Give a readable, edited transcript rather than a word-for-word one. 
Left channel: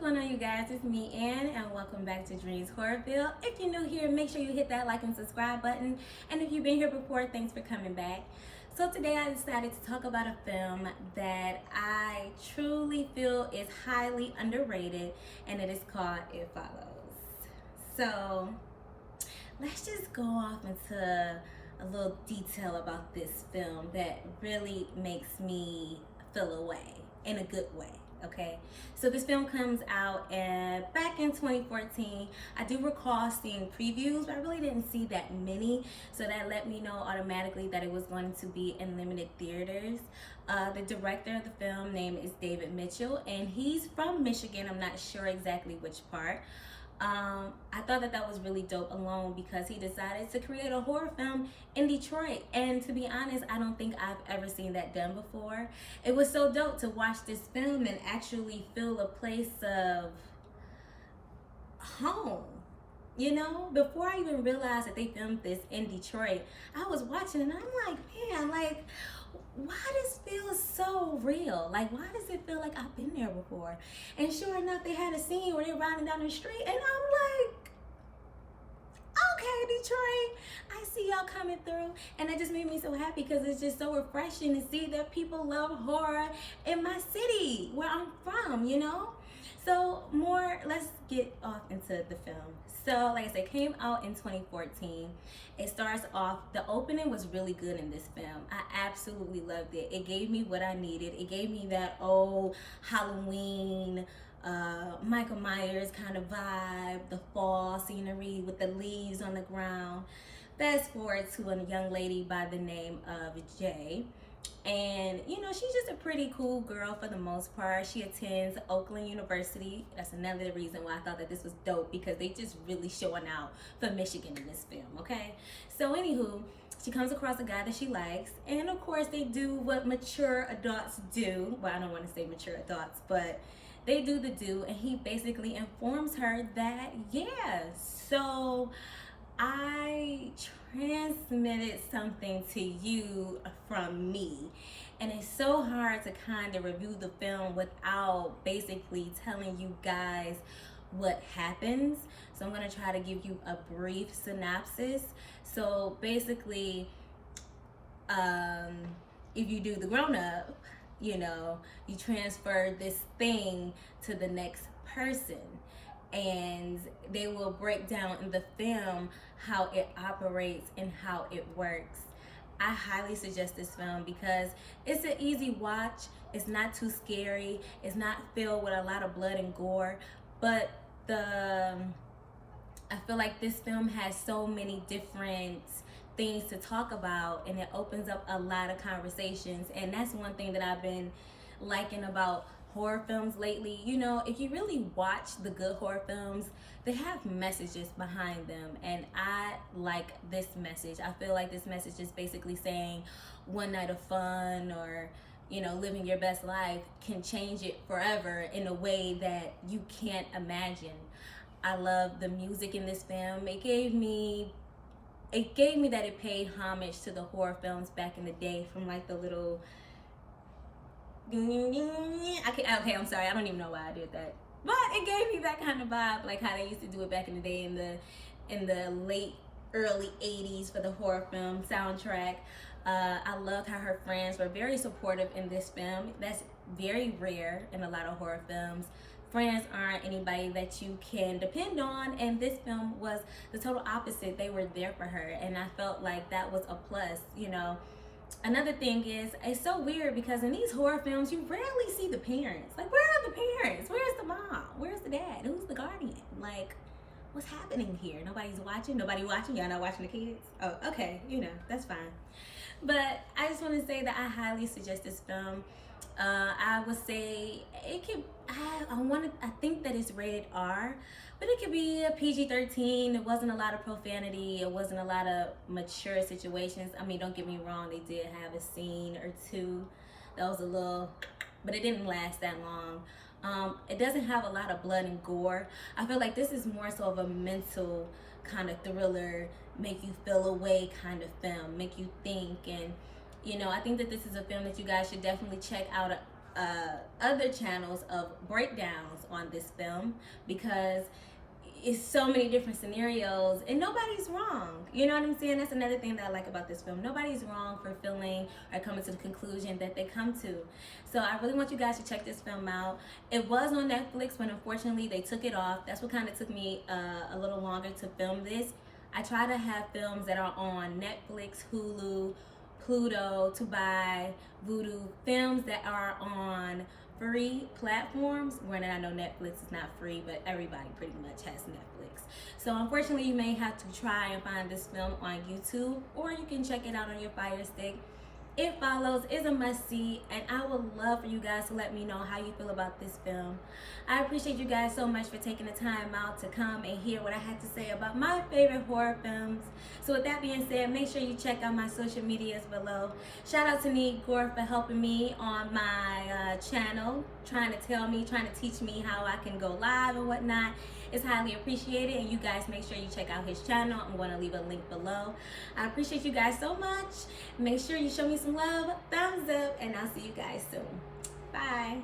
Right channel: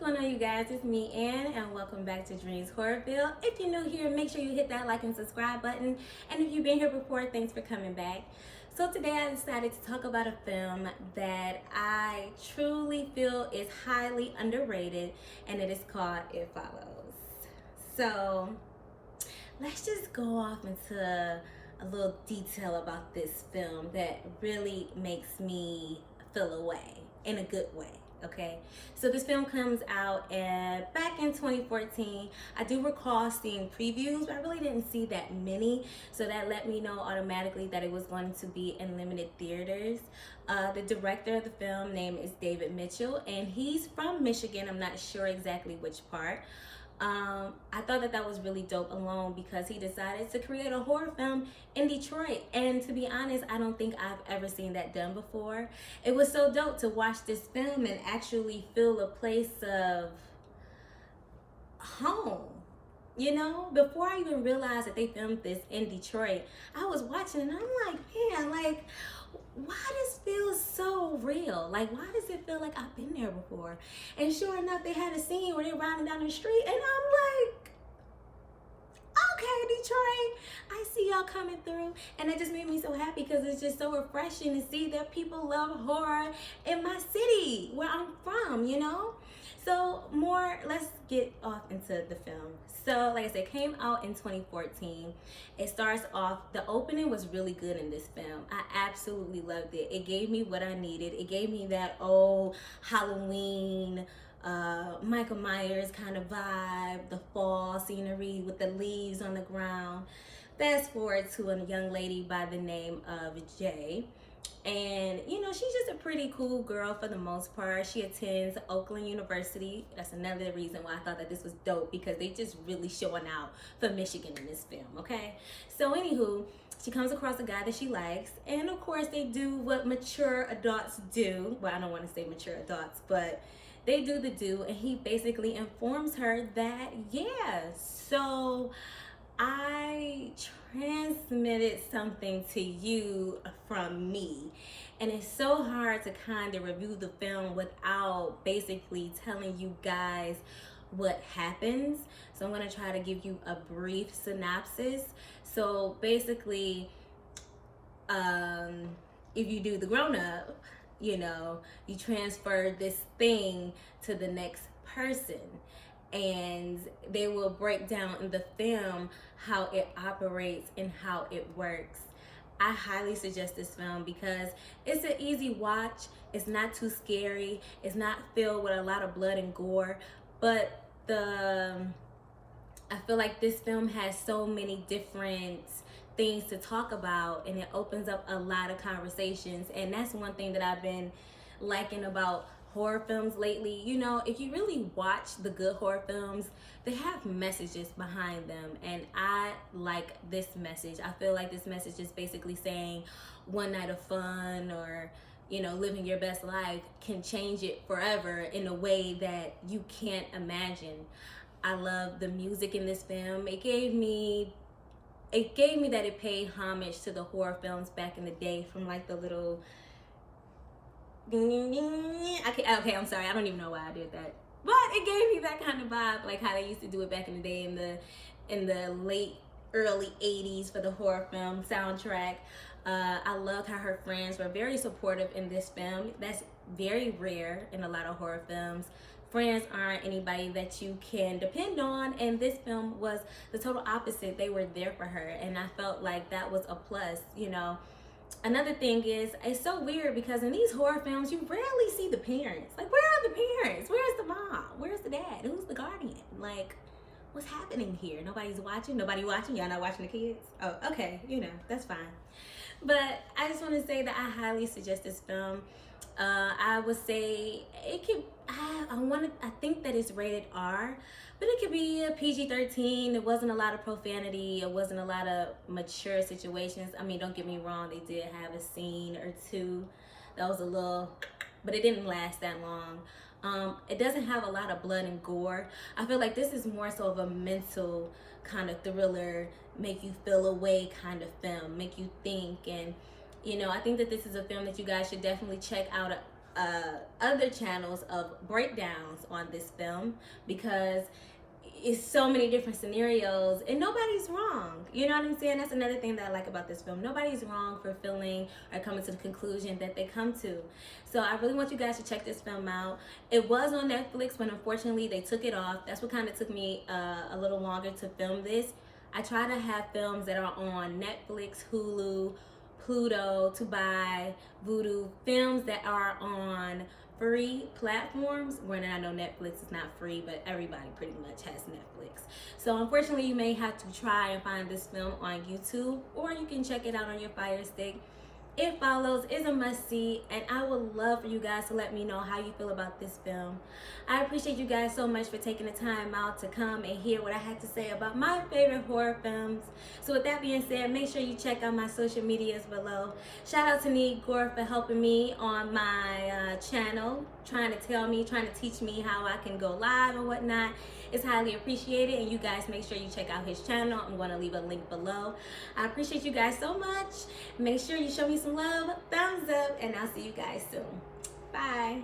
going on, you guys? It's me, Ann, and welcome back to Dreams Horrorville. If you're new here, make sure you hit that like and subscribe button. And if you've been here before, thanks for coming back. So today I decided to talk about a film that I truly feel is highly underrated, and it is called It Follows. So let's just go off into a little detail about this film that really makes me feel away in a good way. Okay, so this film comes out back in 2014. I do recall seeing previews, but I really didn't see that many, so that let me know automatically that it was going to be in limited theaters. The director of the film name is David Mitchell, and he's from Michigan. I'm not sure exactly which part. I thought that was really dope alone because he decided to create a horror film in Detroit, and to be honest, I don't think I've ever seen that done before. It was so dope to watch this film and actually feel a place of home. You know, before I even realized that they filmed this in Detroit, I was watching and I'm like, man, like, why does it feel so real? Like, why does it feel like I've been there before? And sure enough, they had a scene where they're riding down the street and I'm like, okay, Detroit, I see y'all coming through. And that just made me so happy because it's just so refreshing to see that people love horror in my city where I'm from, you know? So let's get off into the film. So like I said, it came out in 2014. It starts off, the opening was really good in this film. I absolutely loved it. It gave me what I needed. It gave me that old Halloween, Michael Myers kind of vibe, the fall scenery with the leaves on the ground. Fast forward to a young lady by the name of Jay. And you know, she's just a pretty cool girl for the most part. She attends Oakland University. That's another reason why I thought that this was dope, because they just really showing out for Michigan in this film. Okay, so anywho, she comes across a guy that she likes, and of course they do what mature adults do. Well, I don't want to say mature adults, but they do the do, and he basically informs her that so I transmitted something to you from me. And it's so hard to kind of review the film without basically telling you guys what happens. So I'm going to try to give you a brief synopsis. So basically, if you do the grown up, you know, you transfer this thing to the next person, and they will break down in the film how it operates and how it works. I highly suggest this film because it's an easy watch. It's not too scary. It's not filled with a lot of blood and gore, but I feel like this film has so many different things to talk about, and it opens up a lot of conversations. And that's one thing that I've been liking about horror films lately. You know, if you really watch the good horror films, they have messages behind them, and I like this message. I feel like this message is basically saying one night of fun, or you know, living your best life can change it forever in a way that you can't imagine. I love the music in this film. It gave me that it paid homage to the horror films back in the day, from like the little okay, I'm sorry, I don't even know why I did that, but it gave me that kind of vibe, like how they used to do it back in the day in the late early 80s for the horror film soundtrack. I loved how her friends were very supportive in this film. That's very rare in a lot of horror films. Friends aren't anybody that you can depend on, and this film was the total opposite. They were there for her, and I felt like that was a plus, you know. Another thing is, it's so weird because in these horror films, you rarely see the parents. Like, where are the parents? Where's the mom? Where's the dad? Who's the guardian? Like, what's happening here? Nobody's watching? Nobody watching? Y'all not watching the kids? Oh, okay, you know, that's fine. But I just want to say that I highly suggest this film. I would say it could, I think that it's rated R, but it could be a PG-13. There wasn't a lot of profanity. It wasn't a lot of mature situations. I mean, don't get me wrong, they did have a scene or two that was a little, but it didn't last that long. It doesn't have a lot of blood and gore. I feel like this is more so of a mental kind of thriller, make you feel away kind of film, make you think. And you know, I think that this is a film that you guys should definitely check out other channels of breakdowns on this film, because it's so many different scenarios and nobody's wrong. You know what I'm saying? That's another thing that I like about this film. Nobody's wrong for feeling or coming to the conclusion that they come to. So I really want you guys to check this film out. It was on Netflix, but unfortunately they took it off. That's what kind of took me a little longer to film this. I try to have films that are on Netflix, Hulu, Pluto, Tubi, Vudu, films that are on free platforms. Granted, I know Netflix is not free, but everybody pretty much has Netflix. So unfortunately, you may have to try and find this film on YouTube, or you can check it out on your Fire Stick. It Follows is a must-see, and I would love for you guys to let me know how you feel about this film. I appreciate you guys so much for taking the time out to come and hear what I had to say about my favorite horror films. So with that being said, make sure you check out my social medias below. Shout out to Gore for helping me on my channel, trying to teach me how I can go live and whatnot. It's highly appreciated, and you guys make sure you check out his channel. I'm going to leave a link below. I appreciate you guys so much. Make sure you show me some love, thumbs up, and I'll see you guys soon. Bye.